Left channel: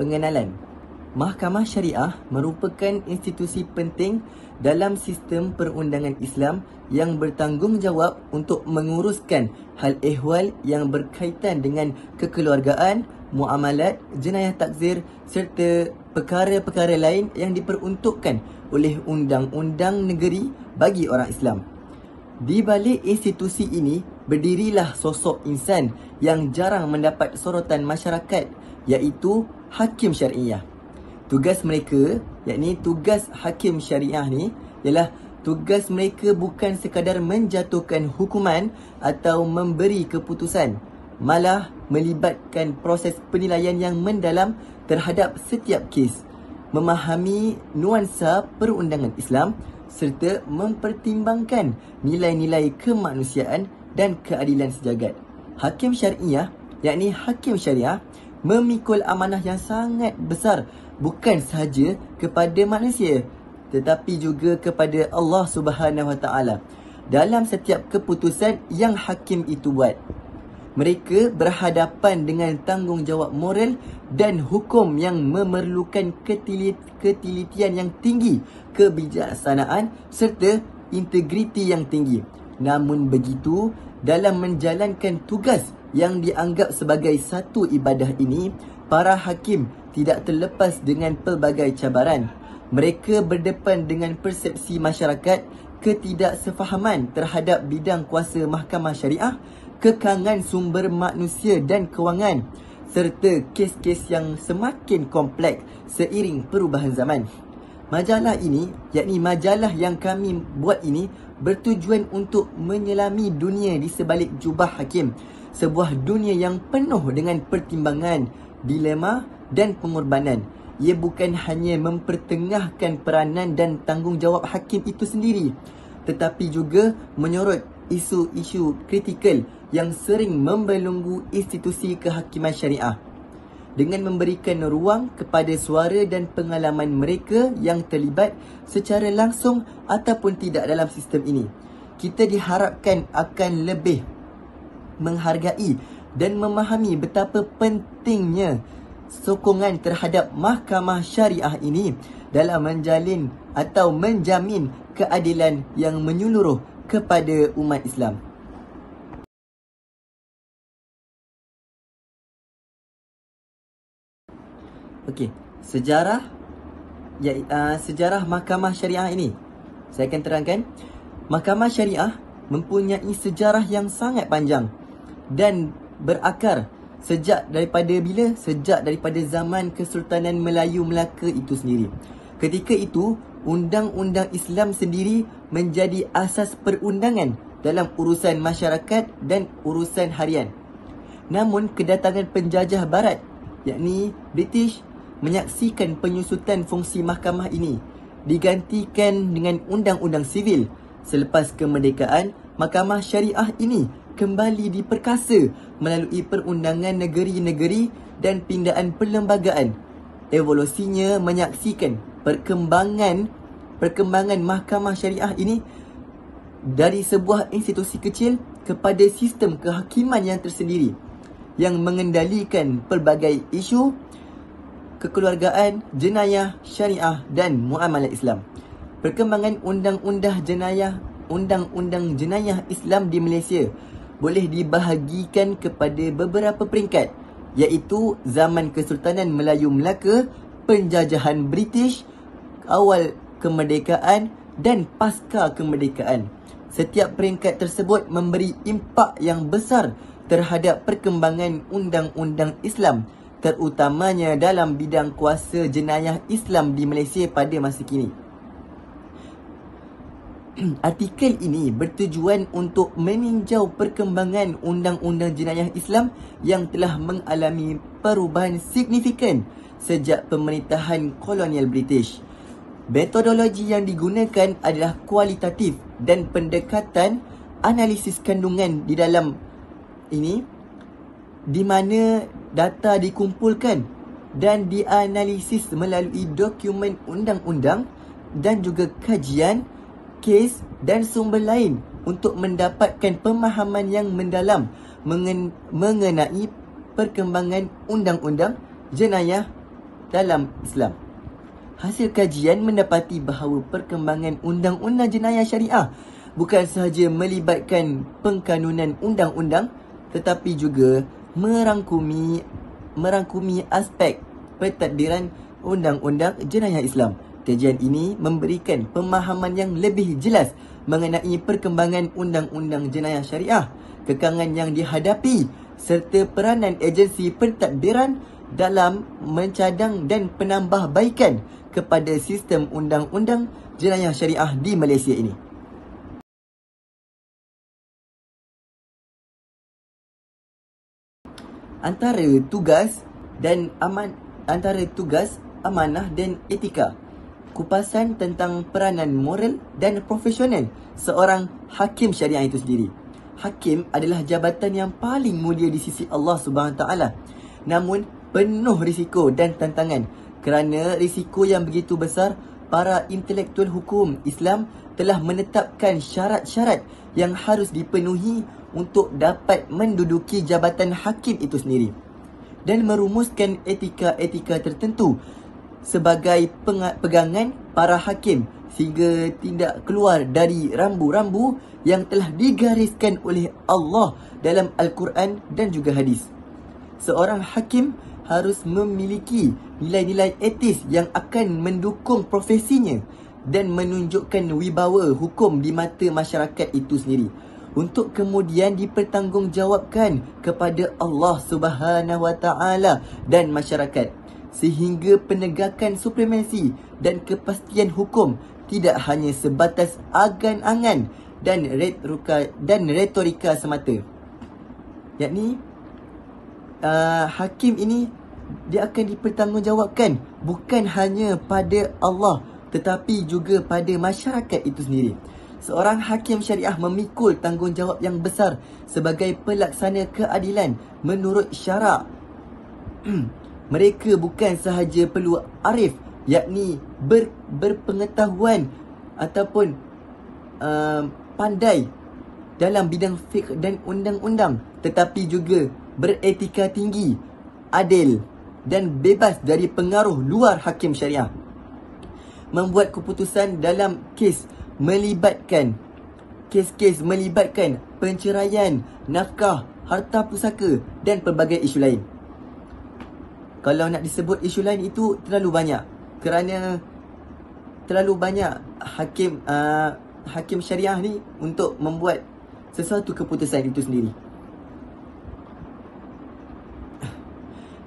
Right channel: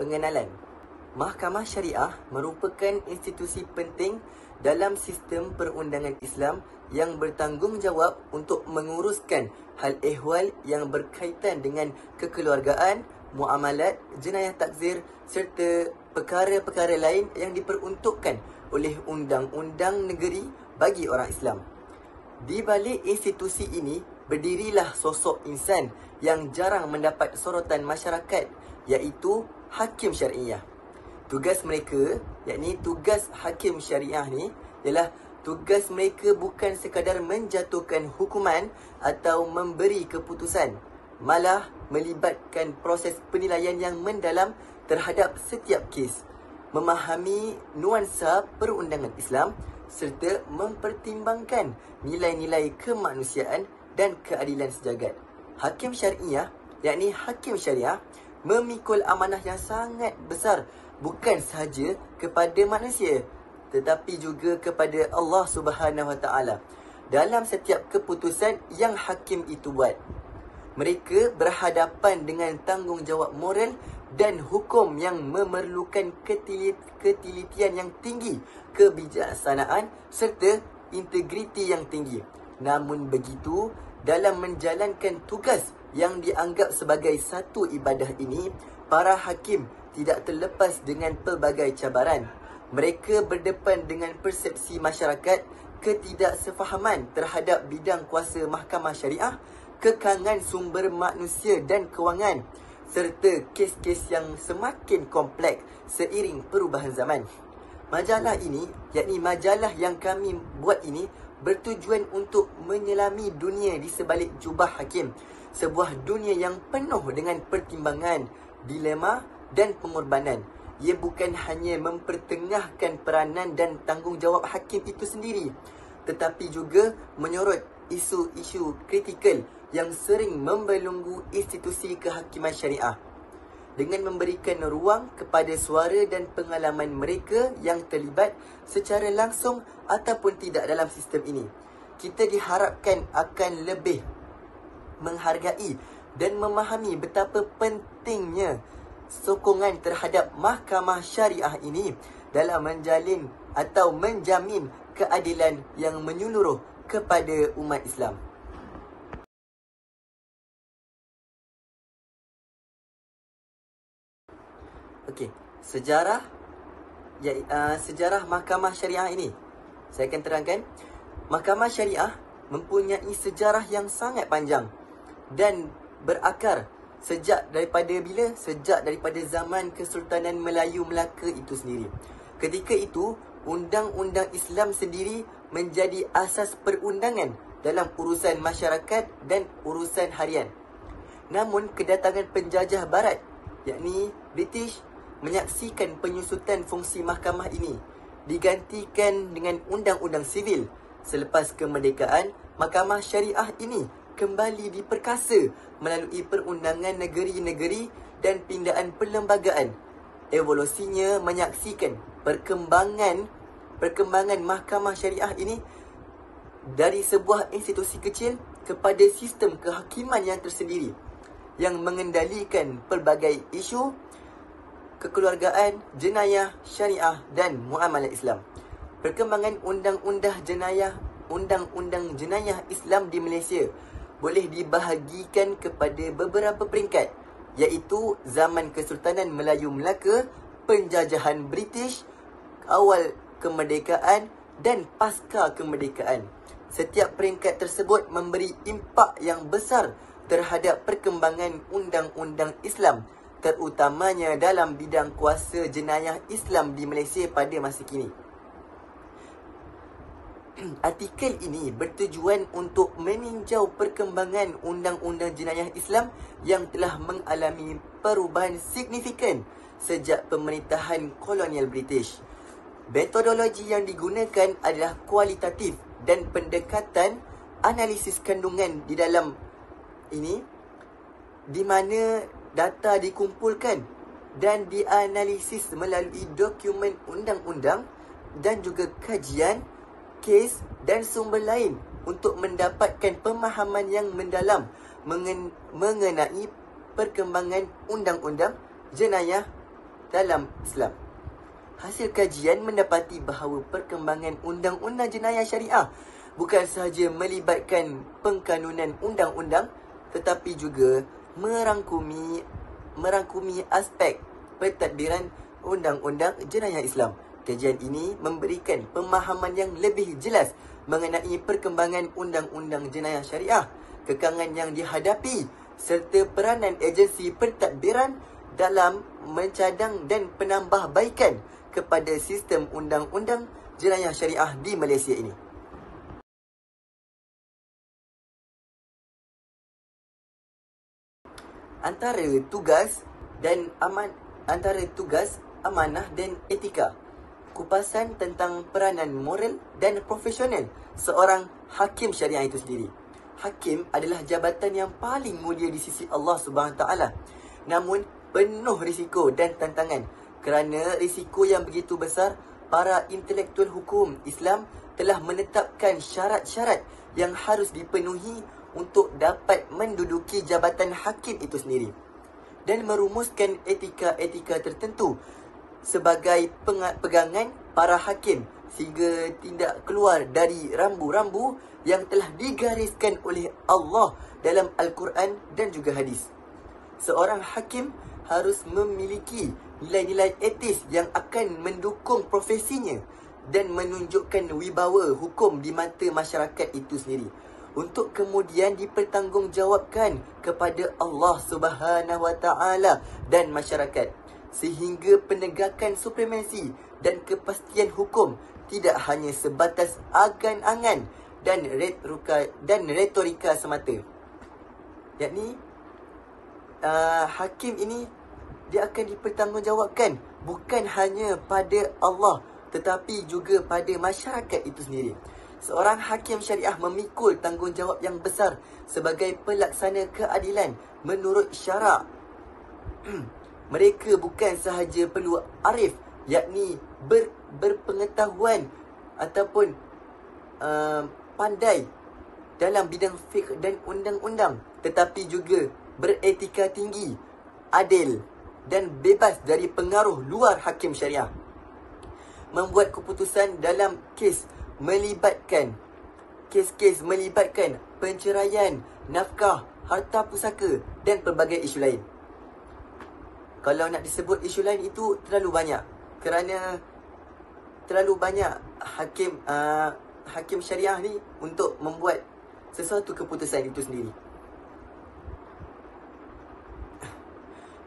Pengenalan. Mahkamah Syariah merupakan institusi penting dalam sistem perundangan Islam yang bertanggungjawab untuk menguruskan hal ehwal yang berkaitan dengan kekeluargaan, muamalat, jenayah takzir serta perkara-perkara lain yang diperuntukkan oleh undang-undang negeri bagi orang Islam. Di balik institusi ini berdirilah sosok insan yang jarang mendapat sorotan masyarakat, iaitu Hakim Syariah. Tugas mereka, yakni tugas Hakim Syariah ni, ialah tugas mereka bukan sekadar menjatuhkan hukuman atau memberi keputusan, malah melibatkan proses penilaian yang mendalam terhadap setiap kes, memahami nuansa perundangan Islam serta mempertimbangkan nilai-nilai kemanusiaan dan keadilan sejagat. Hakim Syariah, yakni Hakim Syariah, memikul amanah yang sangat besar bukan sahaja kepada manusia tetapi juga kepada Allah Subhanahu Wa Taala dalam setiap keputusan yang hakim itu buat. Mereka berhadapan dengan tanggungjawab moral dan hukum yang memerlukan ketelitian yang tinggi, kebijaksanaan serta integriti yang tinggi. Namun begitu, dalam menjalankan tugas yang dianggap sebagai satu ibadah ini, para hakim tidak terlepas dengan pelbagai cabaran. Mereka berdepan dengan persepsi masyarakat, ketidaksefahaman terhadap bidang kuasa mahkamah syariah, kekangan sumber manusia dan kewangan, serta kes-kes yang semakin kompleks seiring perubahan zaman. Majalah ini, yakni majalah yang kami buat ini, bertujuan untuk menyelami dunia di sebalik jubah hakim. Sebuah dunia yang penuh dengan pertimbangan, dilema dan pengorbanan. Ia bukan hanya mempertengahkan peranan dan tanggungjawab hakim itu sendiri, tetapi juga menyorot isu-isu kritikal yang sering membelenggu institusi kehakiman syariah. Dengan memberikan ruang kepada suara dan pengalaman mereka yang terlibat secara langsung ataupun tidak dalam sistem ini, kita diharapkan akan lebih menghargai dan memahami betapa pentingnya sokongan terhadap mahkamah syariah ini dalam menjalin atau menjamin keadilan yang menyeluruh kepada umat Islam. Okey, sejarah mahkamah syariah ini saya akan terangkan. Mahkamah syariah mempunyai sejarah yang sangat panjang dan berakar sejak daripada zaman Kesultanan Melayu Melaka itu sendiri. Ketika itu, undang-undang Islam sendiri menjadi asas perundangan dalam urusan masyarakat dan urusan harian. Namun kedatangan penjajah barat, yakni British, menyaksikan penyusutan fungsi mahkamah ini digantikan dengan undang-undang sivil. Selepas kemerdekaan, mahkamah syariah ini kembali diperkasa melalui perundangan negeri-negeri dan pindaan perlembagaan. Evolusinya menyaksikan perkembangan mahkamah syariah ini dari sebuah institusi kecil kepada sistem kehakiman yang tersendiri yang mengendalikan pelbagai isu kekeluargaan, jenayah, syariah dan muamalat Islam. Perkembangan undang-undang jenayah Islam di Malaysia boleh dibahagikan kepada beberapa peringkat, iaitu zaman Kesultanan Melayu Melaka, penjajahan British, awal kemerdekaan dan pasca kemerdekaan. Setiap peringkat tersebut memberi impak yang besar terhadap perkembangan undang-undang Islam, terutamanya dalam bidang kuasa jenayah Islam di Malaysia pada masa kini. Artikel ini bertujuan untuk meninjau perkembangan undang-undang jenayah Islam yang telah mengalami perubahan signifikan sejak pemerintahan kolonial British. Metodologi yang digunakan adalah kualitatif dan pendekatan analisis kandungan di dalam ini, di mana data dikumpulkan dan dianalisis melalui dokumen undang-undang dan juga kajian, kes dan sumber lain untuk mendapatkan pemahaman yang mendalam mengenai perkembangan undang-undang jenayah dalam Islam. Hasil kajian mendapati bahawa perkembangan undang-undang jenayah syariah bukan sahaja melibatkan pengkanunan undang-undang tetapi juga merangkumi aspek pentadbiran undang-undang jenayah Islam. Kajian ini memberikan pemahaman yang lebih jelas mengenai perkembangan undang-undang jenayah syariah, kekangan yang dihadapi serta peranan agensi pentadbiran dalam mencadang dan penambahbaikan kepada sistem undang-undang jenayah syariah di Malaysia ini. Antara tugas, amanah dan etika. Kupasan tentang peranan moral dan profesional seorang hakim syariah itu sendiri. Hakim adalah jabatan yang paling mulia di sisi Allah SWT. Namun penuh risiko dan tantangan. Kerana risiko yang begitu besar, para intelektual hukum Islam telah menetapkan syarat-syarat yang harus dipenuhi untuk dapat menduduki jabatan hakim itu sendiri dan merumuskan etika-etika tertentu sebagai pegangan para hakim sehingga tidak keluar dari rambu-rambu yang telah digariskan oleh Allah dalam Al-Quran dan juga hadis. Seorang hakim harus memiliki nilai-nilai etis yang akan mendukung profesinya dan menunjukkan wibawa hukum di mata masyarakat itu sendiri untuk kemudian dipertanggungjawabkan kepada Allah Subhanahu Wa Taala dan masyarakat, sehingga penegakan supremasi dan kepastian hukum tidak hanya sebatas angan-angan dan retorika semata. Yakni hakim ini dia akan dipertanggungjawabkan bukan hanya pada Allah tetapi juga pada masyarakat itu sendiri. Seorang hakim syariah memikul tanggungjawab yang besar sebagai pelaksana keadilan menurut syarak. Mereka bukan sahaja perlu arif, yakni berpengetahuan ataupun pandai dalam bidang fiqh dan undang-undang, tetapi juga beretika tinggi, adil dan bebas dari pengaruh luar hakim syariah. Membuat keputusan dalam kes melibatkan penceraian, nafkah, harta pusaka dan pelbagai isu lain. Kalau nak disebut isu lain itu terlalu banyak, kerana terlalu banyak hakim syariah ni untuk membuat sesuatu keputusan itu sendiri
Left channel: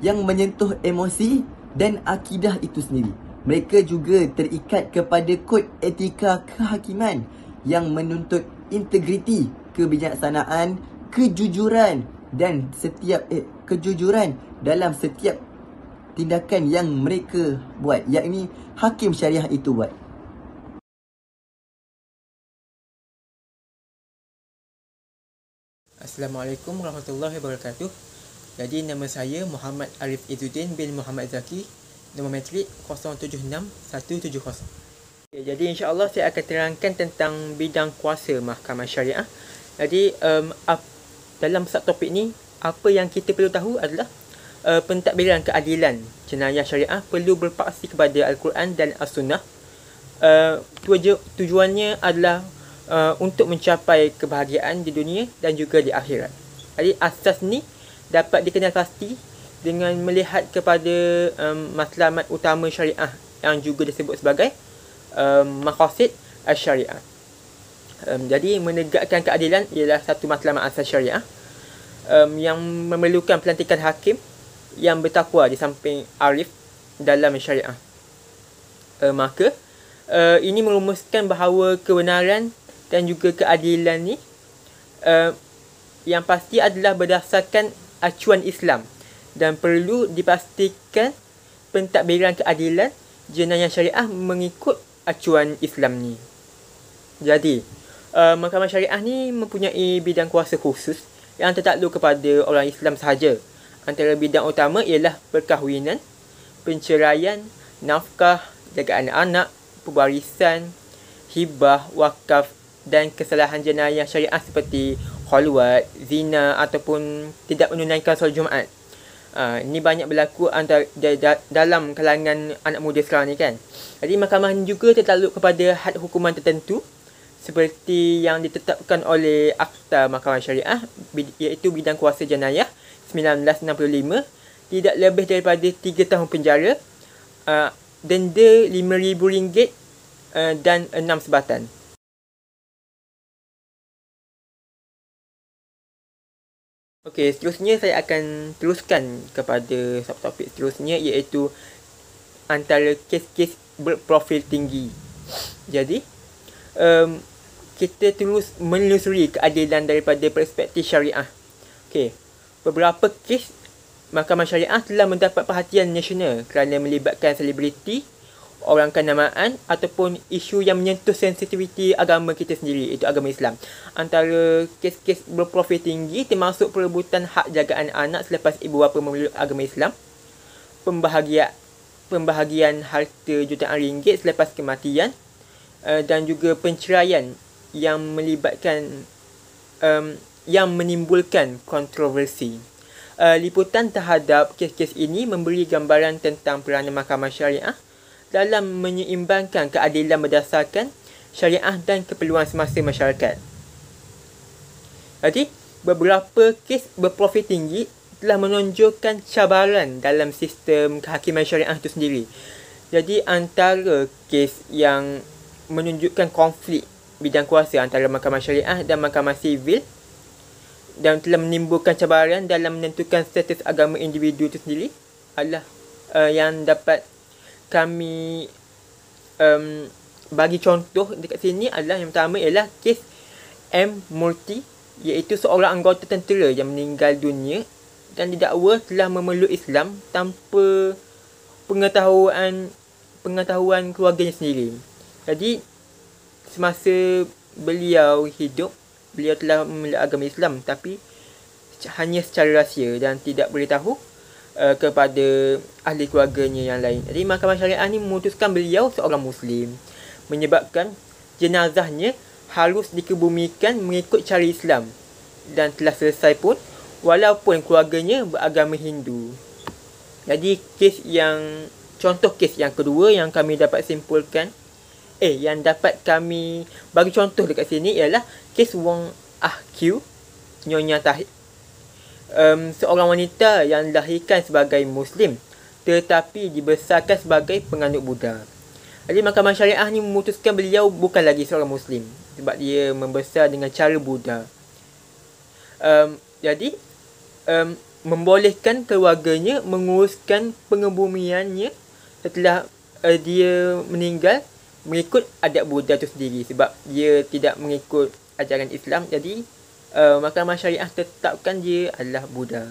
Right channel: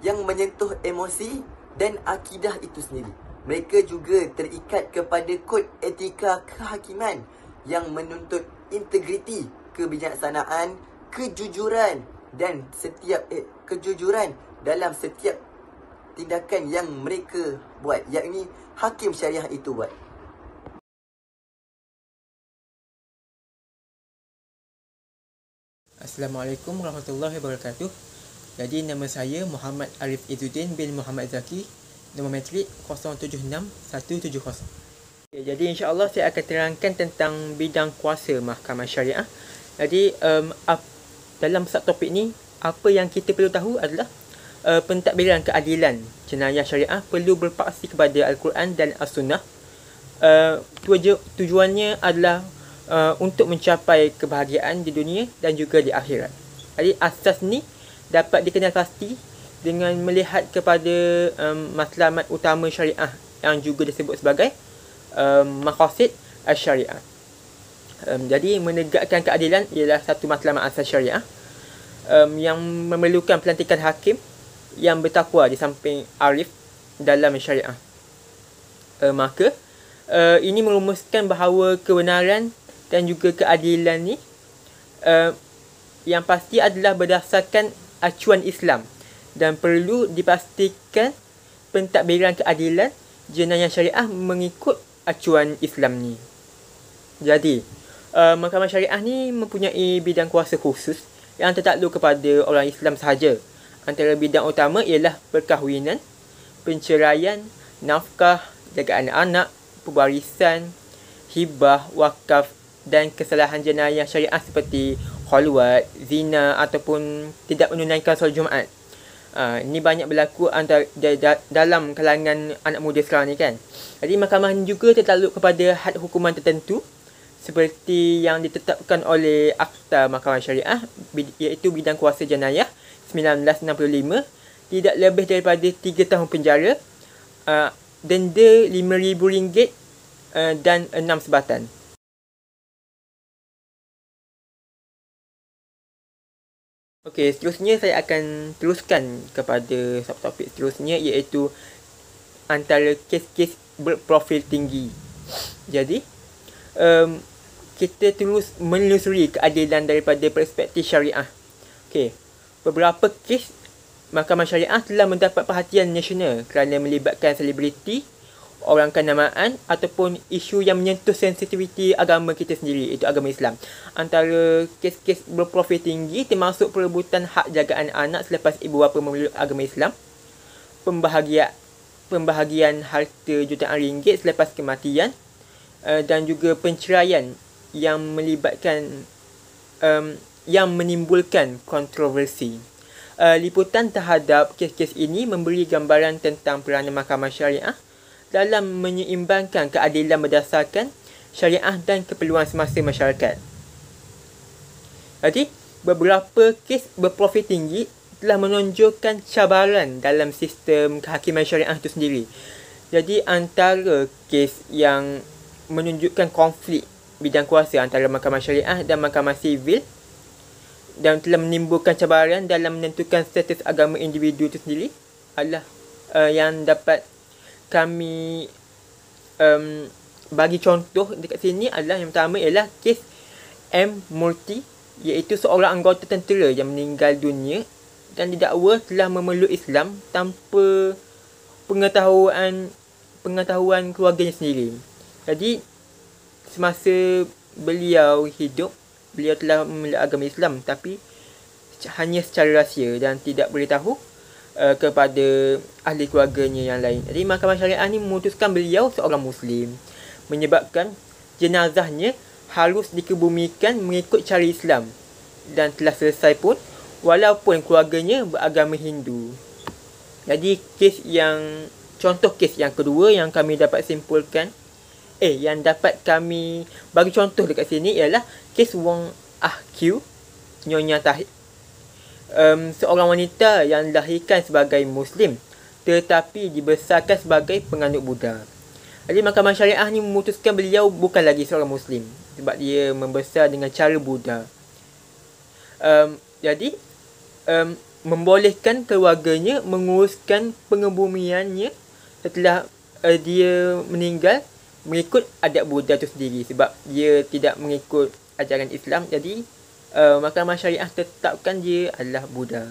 yang menyentuh emosi dan akidah itu sendiri. Mereka juga terikat kepada kod etika kehakiman yang menuntut integriti, kebijaksanaan, kejujuran dalam setiap tindakan yang mereka buat, yakni hakim syariah itu buat. Assalamualaikum warahmatullahi wabarakatuh. Jadi nama saya Muhammad Arif Izzuddin bin Muhammad Zaki, nombor matrik 076170. Jadi insya-Allah saya akan terangkan tentang bidang kuasa mahkamah syariah. Jadi dalam subtopik ni apa yang kita perlu tahu adalah pentadbiran keadilan jenayah syariah perlu berpaksi kepada Al-Quran dan As-Sunnah. Tujuannya adalah untuk mencapai kebahagiaan di dunia dan juga di akhirat. Jadi asas ni dapat dikenal pasti dengan melihat kepada matlamat utama syariah yang juga disebut sebagai maqasid asy-syariah. Jadi menegakkan keadilan ialah satu matlamat asas syariah yang memerlukan pelantikan hakim yang bertakwa di samping arif dalam syariah. Maka ini merumuskan bahawa kebenaran dan juga keadilan ni yang pasti adalah berdasarkan acuan Islam dan perlu dipastikan pentadbiran keadilan jenayah syariah mengikut acuan Islam ni. Jadi mahkamah syariah ni mempunyai bidang kuasa khusus yang tertakluk kepada orang Islam sahaja. Antara bidang utama ialah perkahwinan, penceraian, nafkah, jagaan anak, pewarisan, hibah, wakaf dan kesalahan jenayah syariah seperti khulwat, zina ataupun tidak menunaikan solat Jumaat. Ini banyak berlaku dalam kalangan anak muda sekarang ni kan. Jadi mahkamah ni juga tertakluk kepada had hukuman tertentu seperti yang ditetapkan oleh Akta Mahkamah Syariah, iaitu bidang kuasa jenayah 1965, tidak lebih daripada 3 tahun penjara, denda RM5,000 dan 6 sebatan. Okey, seterusnya saya akan teruskan kepada subtopik seterusnya, iaitu antara kes-kes berprofil tinggi. Jadi, kita terus menelusuri keadilan daripada perspektif syariah. Okey, beberapa kes Mahkamah Syariah telah mendapat perhatian nasional kerana melibatkan selebriti, orang kenamaan ataupun isu yang menyentuh sensitiviti agama kita sendiri, iaitu agama Islam. Antara kes-kes berprofil tinggi termasuk perebutan hak jagaan anak selepas ibu bapa memeluk agama Islam, pembahagian harta jutaan ringgit selepas kematian, dan juga penceraian yang menimbulkan kontroversi. Liputan terhadap kes-kes ini memberi gambaran tentang peranan Mahkamah Syariah dalam menyeimbangkan keadilan berdasarkan syariah dan keperluan semasa masyarakat. Jadi, beberapa kes berprofil tinggi telah menonjolkan cabaran dalam sistem kehakiman syariah itu sendiri. Jadi, antara kes yang menunjukkan konflik bidang kuasa antara Mahkamah Syariah dan Mahkamah Sivil dan telah menimbulkan cabaran dalam menentukan status agama individu itu sendiri adalah yang dapat kami bagi contoh dekat sini adalah, yang pertama ialah kes M. Murty, iaitu seorang anggota tentera yang meninggal dunia dan didakwa telah memeluk Islam tanpa pengetahuan keluarganya sendiri. Jadi semasa beliau hidup, beliau telah memeluk agama Islam tapi hanya secara rahsia dan tidak beritahu kepada ahli keluarganya yang lain. Jadi Mahkamah Syariah ni memutuskan beliau seorang Muslim, menyebabkan jenazahnya harus dikebumikan mengikut cara Islam dan telah selesai pun walaupun keluarganya beragama Hindu. Jadi contoh kes yang kedua yang kami dapat simpulkan, yang dapat kami bagi contoh dekat sini ialah kes Wong Ah Kiew, Nyonya Tahir, seorang wanita yang dilahirkan sebagai Muslim tetapi dibesarkan sebagai penganut Buddha. Jadi Mahkamah Syariah ni memutuskan beliau bukan lagi seorang Muslim sebab dia membesar dengan cara Buddha. Jadi membolehkan keluarganya menguruskan pengebumiannya setelah dia meninggal mengikut adat Buddha itu sendiri, sebab dia tidak mengikut ajaran Islam. Jadi Mahkamah Syariah tetapkan dia adalah Buddha.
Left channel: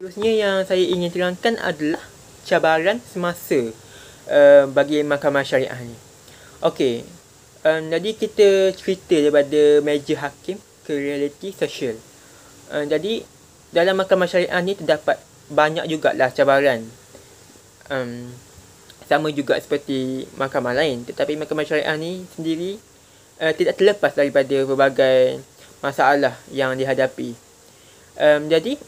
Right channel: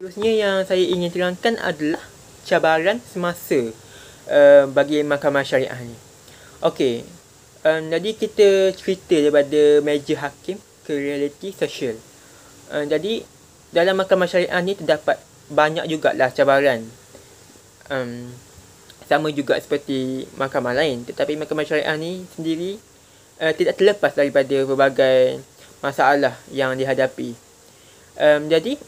Seterusnya yang saya ingin terangkan adalah cabaran semasa bagi Mahkamah Syariah ni. Okey, jadi kita cerita daripada meja hakim ke realiti sosial. Jadi dalam Mahkamah Syariah ni terdapat banyak jugalah cabaran. Sama juga seperti mahkamah lain, tetapi Mahkamah Syariah ni sendiri tidak terlepas daripada berbagai masalah yang dihadapi. Jadi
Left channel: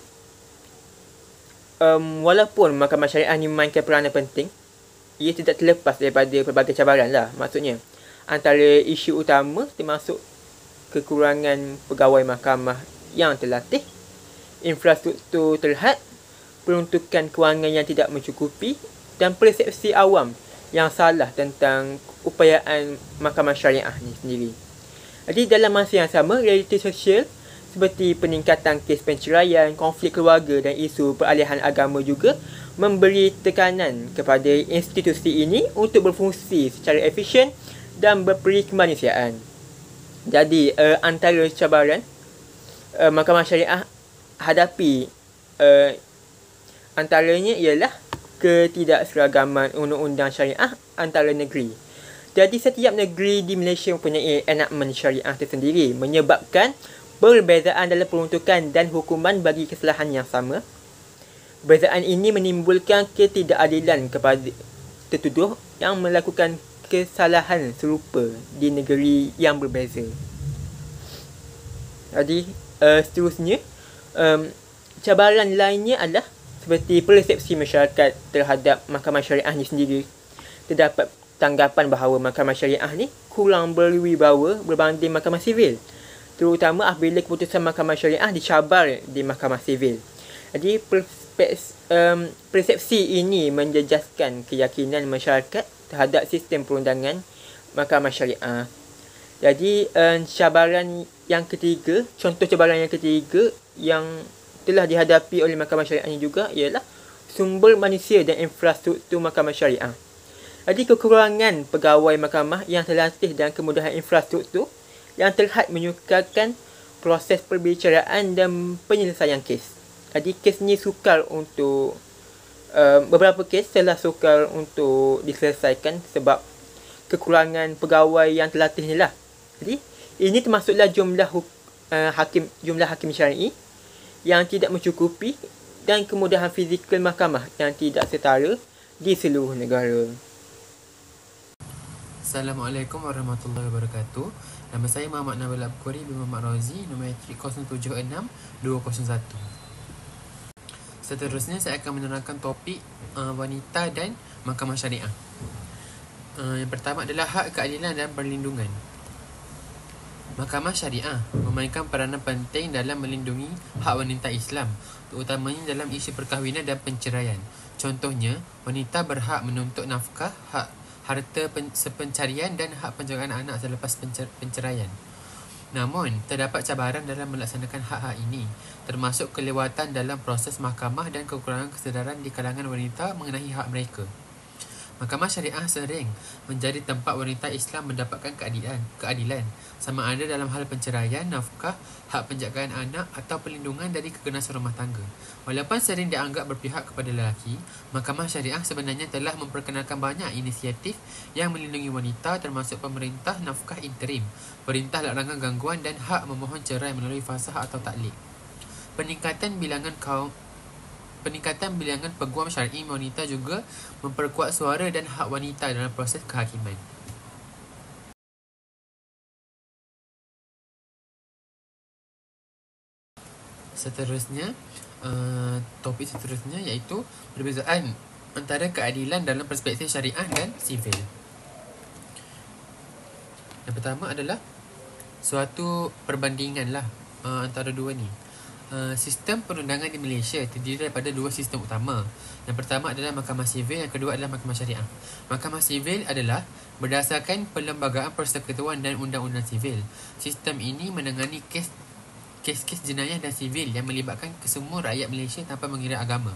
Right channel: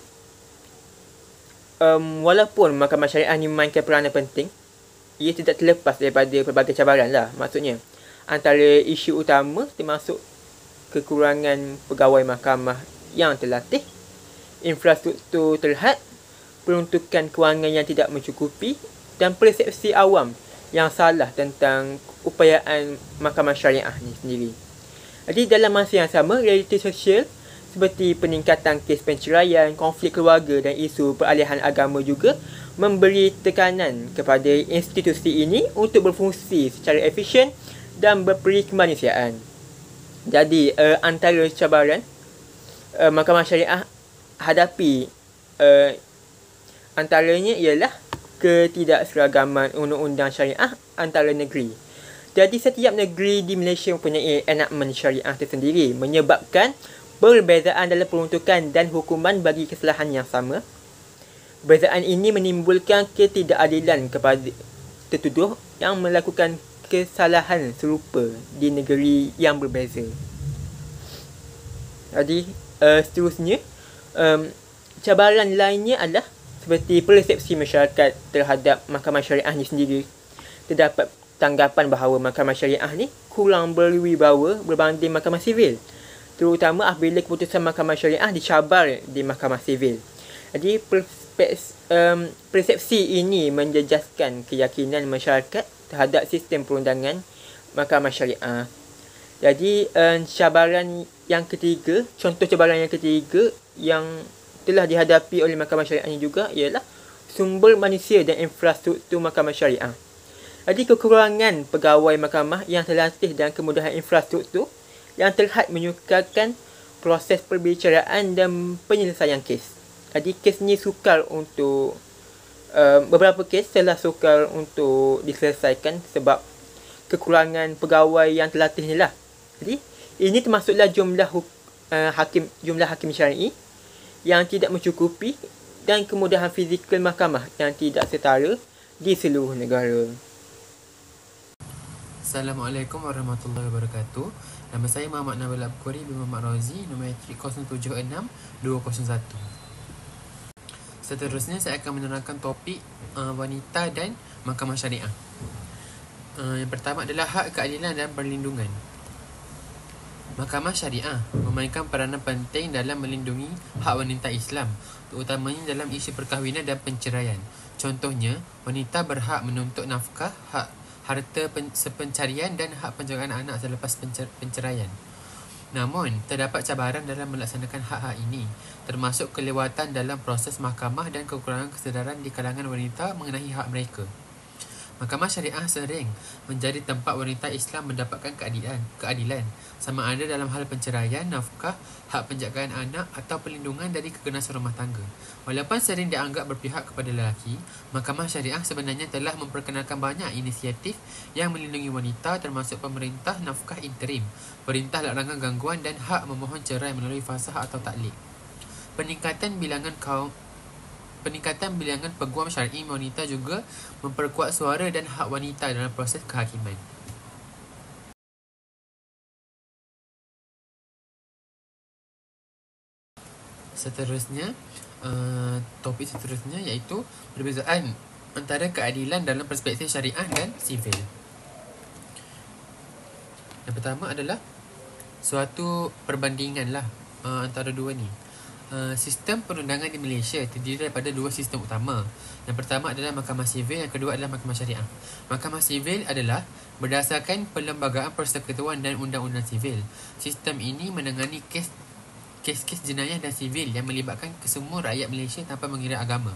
walaupun Mahkamah Syariah ni memainkan peranan penting, ia tidak terlepas daripada pelbagai cabaran lah. Maksudnya, antara isu utama termasuk kekurangan pegawai mahkamah yang terlatih, infrastruktur terhad, peruntukan kewangan yang tidak mencukupi dan persepsi awam yang salah tentang upayaan Mahkamah Syariah ni sendiri. Jadi dalam masa yang sama, realiti sosial seperti peningkatan kes penceraian, konflik keluarga dan isu peralihan agama juga memberi tekanan kepada institusi ini untuk berfungsi secara efisien dan berperi kemanusiaan. Jadi antara cabaran Mahkamah Syariah hadapi antaranya ialah ketidakseragaman undang-undang syariah antara negeri. Jadi setiap negeri di Malaysia mempunyai enakmen syariah tersendiri, menyebabkan perbezaan dalam peruntukan dan hukuman bagi kesalahan yang sama. Perbezaan ini menimbulkan ketidakadilan tertuduh yang melakukan kesalahan serupa di negeri yang berbeza. Jadi seterusnya, cabaran lainnya adalah seperti persepsi masyarakat terhadap mahkamah syariah ni sendiri. Terdapat tanggapan bahawa mahkamah syariah ni kurang berwibawa berbanding mahkamah sivil, terutama apabila keputusan mahkamah syariah dicabar di mahkamah sivil. Jadi persepsi ini menjejaskan keyakinan masyarakat terhadap sistem perundangan mahkamah syariah. Jadi cabaran yang ketiga, contoh cabaran yang ketiga yang telah dihadapi oleh mahkamah syariah ini juga ialah sumber manusia dan infrastruktur mahkamah syariah. Jadi kekurangan pegawai mahkamah yang terlatih dan kemudahan infrastruktur yang terhad menyukarkan proses perbicaraan dan penyelesaian kes. Jadi kes ni sukar untuk beberapa kes telah sukar untuk diselesaikan sebab kekurangan pegawai yang terlatih ni lah. Jadi ini termasuklah jumlah hakim syar'i yang tidak mencukupi dan kemudahan fizikal mahkamah yang tidak setara di seluruh negara. Assalamualaikum warahmatullahi wabarakatuh. Nama saya Muhammad Nabil Abquri bin Muhammad Razi, nombor matrik 076201. Seterusnya saya akan menerangkan topik wanita dan mahkamah syariah. Yang pertama adalah hak keadilan dan perlindungan. Mahkamah syariah memainkan peranan penting dalam melindungi hak wanita Islam, terutamanya dalam isu perkahwinan dan penceraian. Contohnya, wanita berhak menuntut nafkah, hak harta sepencarian dan hak penjagaan anak selepas penceraian. Namun, terdapat cabaran dalam melaksanakan hak-hak ini, termasuk kelewatan dalam proses mahkamah dan kekurangan kesedaran di kalangan wanita mengenai hak mereka. Mahkamah syariah sering menjadi tempat wanita Islam mendapatkan keadilan sama ada dalam hal penceraian, nafkah, hak penjagaan anak atau perlindungan dari keganasan rumah tangga. Walaupun sering dianggap berpihak kepada lelaki, mahkamah syariah sebenarnya telah memperkenalkan banyak inisiatif yang melindungi wanita, termasuk pemerintah nafkah interim, perintah larangan gangguan dan hak memohon cerai melalui fasah atau taklik. Peningkatan bilangan peguam syar'i wanita juga memperkuat suara dan hak wanita dalam proses kehakiman. Topik seterusnya iaitu perbezaan antara keadilan dalam perspektif syariah dan sivil. Yang pertama adalah suatu perbandingan antara dua ni. Sistem perundangan di Malaysia terdiri daripada dua sistem utama. Yang pertama adalah mahkamah sivil, yang kedua adalah mahkamah syariah. Mahkamah sivil adalah berdasarkan Perlembagaan Persekutuan dan Undang-Undang Sivil. Sistem ini menangani kes-kes jenayah dan sivil yang melibatkan kesemua rakyat Malaysia tanpa mengira agama.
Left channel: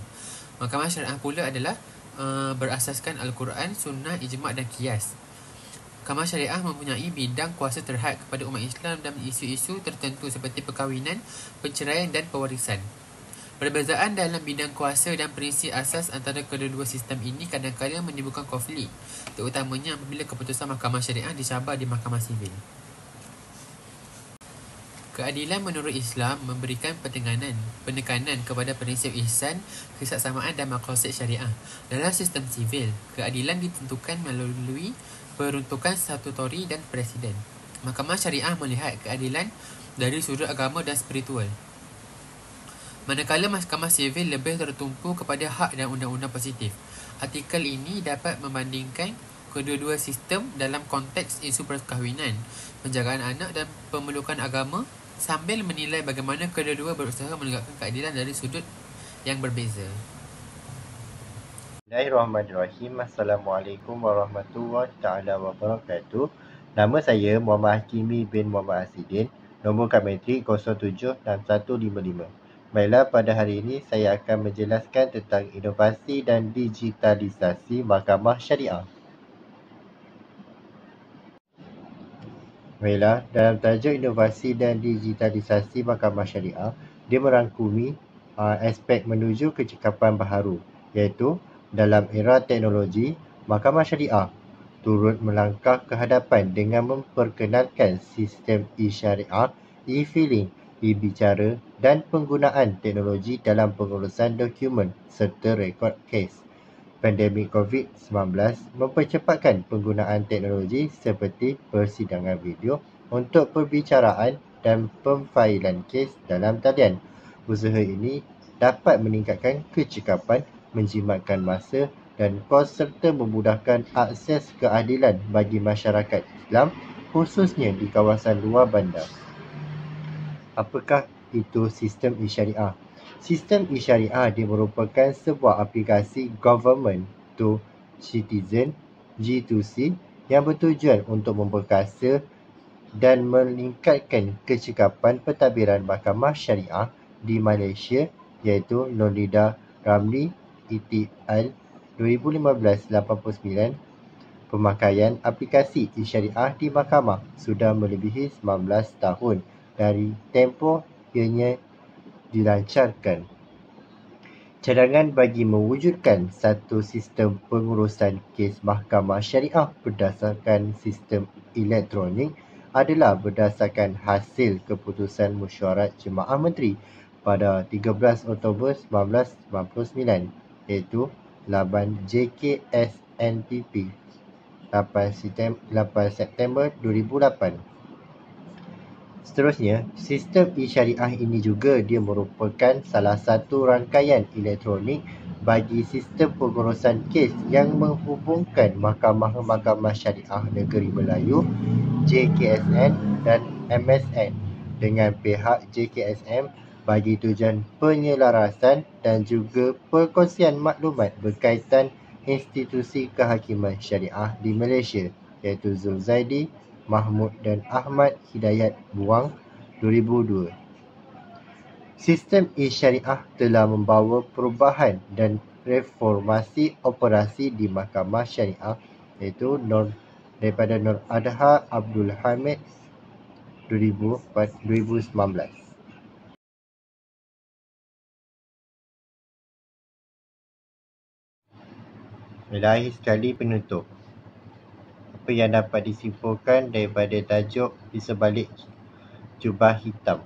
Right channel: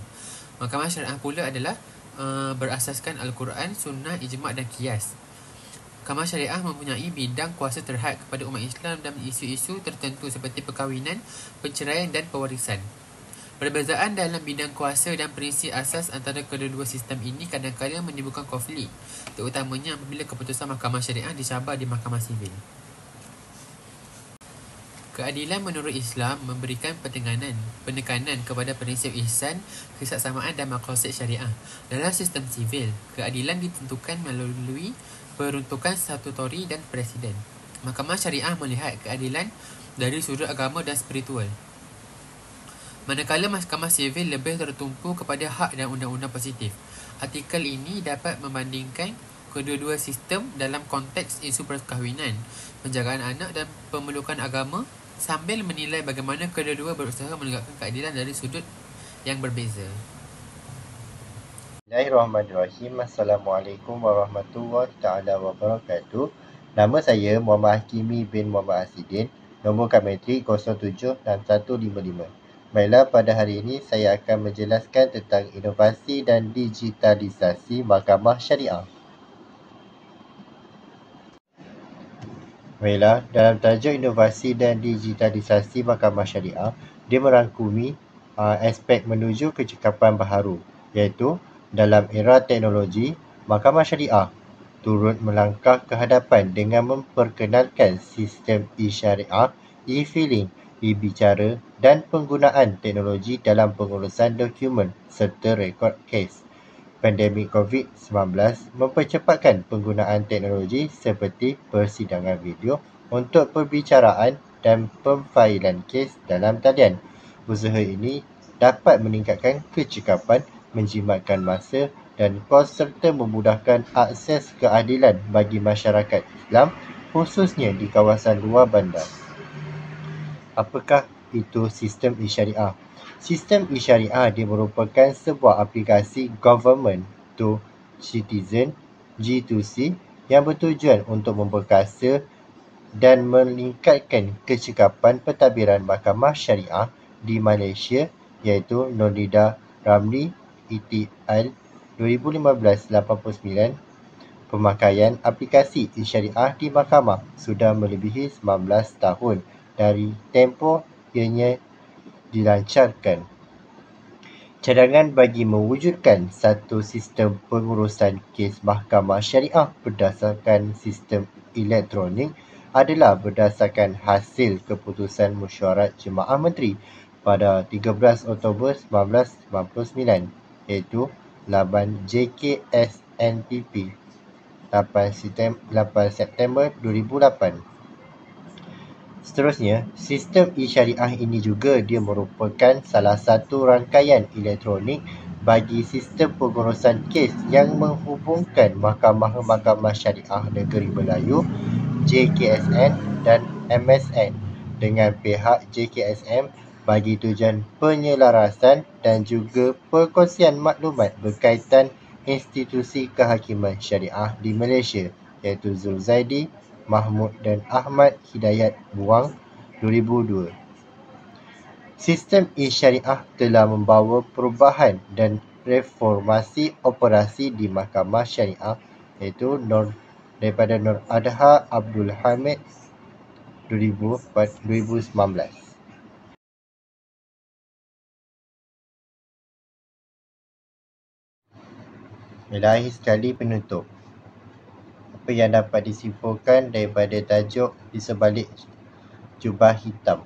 Mahkamah syariah pula adalah berasaskan Al-Quran, Sunnah, Ijma' dan Qiyas. Mahkamah syariah mempunyai bidang kuasa terhad kepada umat Islam dalam isu-isu tertentu seperti perkahwinan, penceraian dan pewarisan. Perbezaan dalam bidang kuasa dan prinsip asas antara kedua-dua sistem ini kadang-kadang menimbulkan konflik, terutamanya apabila keputusan mahkamah syariah dicabar di mahkamah sivil. Keadilan menurut Islam memberikan penekanan kepada prinsip ihsan, kesaksamaan dan maqasid syariah. Dalam sistem sivil, keadilan ditentukan melalui peruntukan statutori dan presiden. Mahkamah syariah melihat keadilan dari sudut agama dan spiritual, manakala mahkamah sivil lebih tertumpu kepada hak dan undang-undang positif. Artikel ini dapat membandingkan kedua-dua sistem dalam konteks isu perkahwinan, penjagaan anak dan pemelukan agama, sambil menilai bagaimana kedua-dua berusaha menegakkan keadilan dari sudut yang berbeza. Bismillahirrahmanirrahim. Assalamualaikum warahmatullahi taala wabarakatuh. Nama saya Muhammad Hakimi bin Muhammad Asidin, nombor Kametrik 076155. Baiklah, pada hari ini saya akan menjelaskan tentang inovasi dan digitalisasi mahkamah syariah. Baiklah, dalam tajuk inovasi dan digitalisasi mahkamah syariah, dia merangkumi aspek menuju kecekapan baharu, iaitu dalam era teknologi, mahkamah syariah turut melangkah ke hadapan dengan memperkenalkan sistem e-syariah, e-filing, e-bicara dan penggunaan teknologi dalam pengurusan dokumen serta rekod kes. pandemik COVID-19 mempercepatkan penggunaan teknologi seperti persidangan video untuk perbicaraan dan pemfailan kes dalam talian. Usaha ini dapat meningkatkan kecekapan, menjimatkan masa dan kos serta memudahkan akses keadilan bagi masyarakat Islam khususnya di kawasan luar bandar. Apakah itu sistem e-syariah? Sistem e-syariah merupakan sebuah aplikasi government to citizen G2C yang bertujuan untuk memperkasa dan meningkatkan kecekapan pentadbiran mahkamah syariah di Malaysia iaitu Nolida Ramli ETL 2015-89. Pemakaian aplikasi e-syariah di mahkamah sudah melebihi 19 tahun dari tempoh ianya dilancarkan. Cadangan bagi mewujudkan satu sistem pengurusan kes mahkamah syariah berdasarkan sistem elektronik adalah berdasarkan hasil keputusan Mesyuarat Jemaah Menteri pada 13 Oktober 1999 iaitu Laban JKSNPP 8 September 2008. Seterusnya, sistem e-syariah ini juga dia merupakan salah satu rangkaian elektronik bagi sistem pengurusan kes yang menghubungkan mahkamah-mahkamah syariah negeri Melayu JKSN dan MSN dengan pihak JKSM bagi tujuan penyelarasan dan juga perkongsian maklumat berkaitan institusi kehakiman syariah di Malaysia iaitu Zulzaidi, Mahmud dan Ahmad Hidayat Buang 2002. Sistem e-syariah telah membawa perubahan dan reformasi operasi di mahkamah syariah iaitu daripada Nur Adha Abdul Hamid 2019. Ilahi sekali penutup. Apa yang dapat disimpulkan daripada tajuk di sebalik jubah hitam?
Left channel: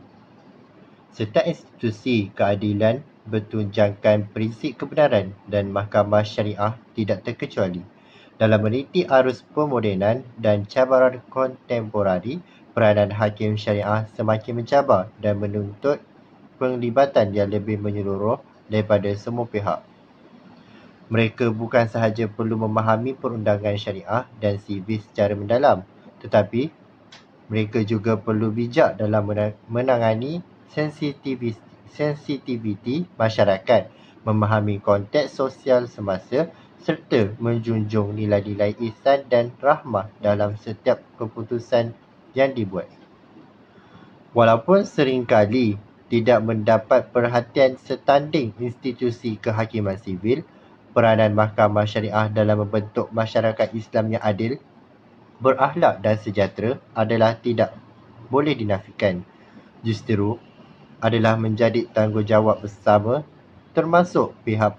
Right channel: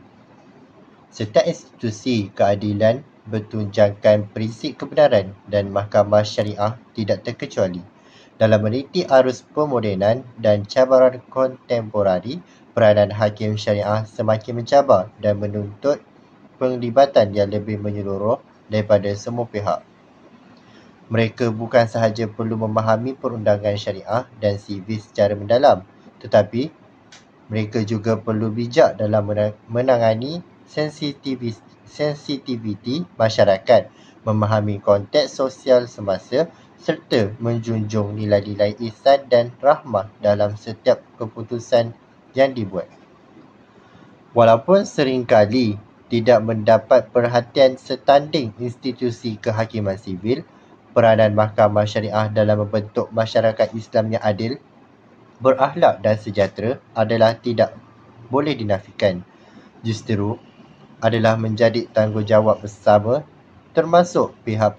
Setiap institusi keadilan bertunjangkan prinsip kebenaran dan mahkamah syariah tidak terkecuali. Dalam meniti arus pemodenan dan cabaran kontemporari, peranan hakim syariah semakin mencabar dan menuntut penglibatan yang lebih menyeluruh daripada semua pihak. Mereka bukan sahaja perlu memahami perundangan syariah dan sivil secara mendalam, tetapi mereka juga perlu bijak dalam menangani sensitiviti masyarakat, memahami konteks sosial semasa serta menjunjung nilai-nilai ihsan dan rahmah dalam setiap keputusan yang dibuat. Walaupun seringkali tidak mendapat perhatian setanding institusi kehakiman sivil, peranan mahkamah syariah dalam membentuk masyarakat Islam yang adil, berakhlak dan sejahtera adalah tidak boleh dinafikan. Justeru adalah menjadi tanggungjawab bersama termasuk pihak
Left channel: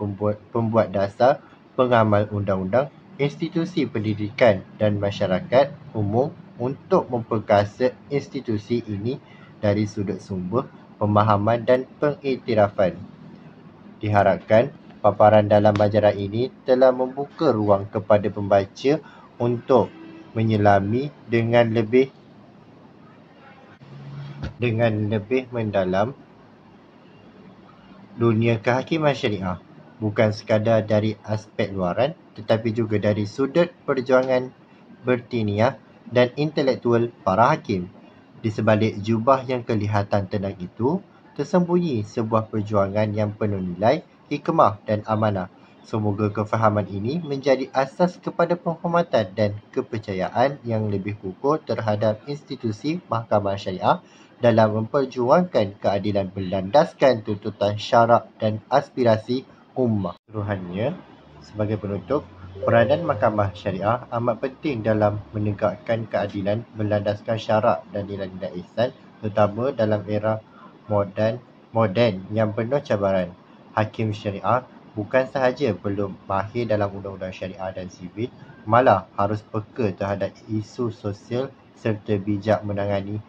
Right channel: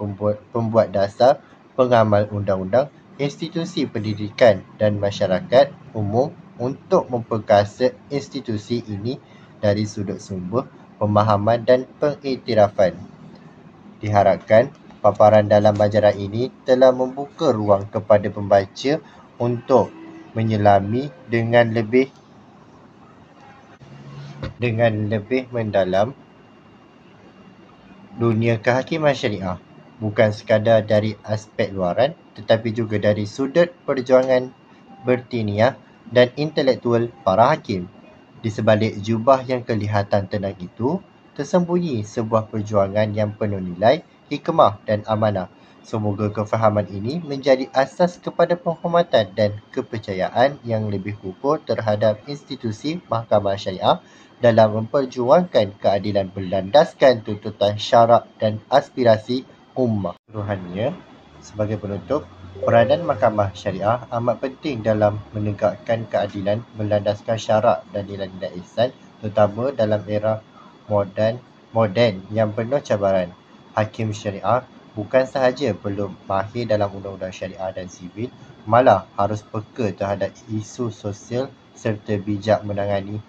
pembuat dasar, pengamal undang-undang, institusi pendidikan dan masyarakat umum untuk memperkasa institusi ini dari sudut sumber pemahaman dan pengiktirafan. Diharapkan paparan dalam majalah ini telah membuka ruang kepada pembaca untuk menyelami dengan lebih mendalam dunia kehakiman syariah, bukan sekadar dari aspek luaran tetapi juga dari sudut perjuangan bertiniah dan intelektual para hakim. Di sebalik jubah yang kelihatan tenang itu, tersembunyi sebuah perjuangan yang penuh nilai, hikmah dan amanah. Semoga kefahaman ini menjadi asas kepada penghormatan dan kepercayaan yang lebih kukuh terhadap institusi mahkamah syariah dalam memperjuangkan keadilan berlandaskan tuntutan syarak dan aspirasi ummah. Keseluruhannya, sebagai penutup, peranan mahkamah syariah amat penting dalam menegakkan keadilan berlandaskan syarak dan nilai-nilai ihsan, terutama dalam era moden yang penuh cabaran. Hakim syariah bukan sahaja perlu mahir dalam undang-undang syariah dan sivil, malah harus peka terhadap isu sosial serta bijak menangani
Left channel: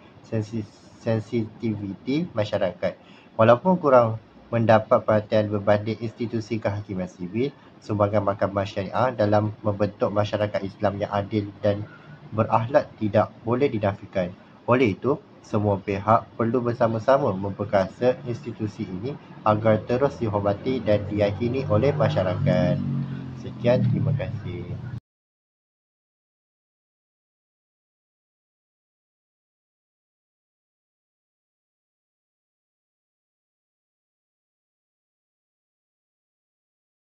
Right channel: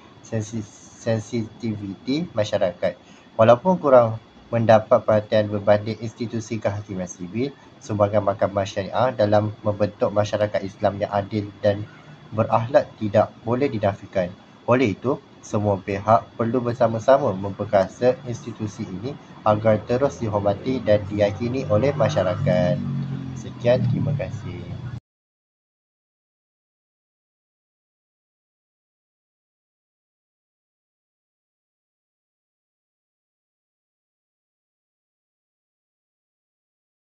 sensitiviti masyarakat. Walaupun kurang mendapat perhatian berbanding institusi kehakiman sivil, sumbangan Mahkamah Syariah dalam membentuk masyarakat Islam yang adil dan berakhlak tidak boleh dinafikan. Oleh itu, semua pihak perlu bersama-sama memperkasa institusi ini agar terus dihormati dan diyakini oleh masyarakat. Sekian, terima kasih.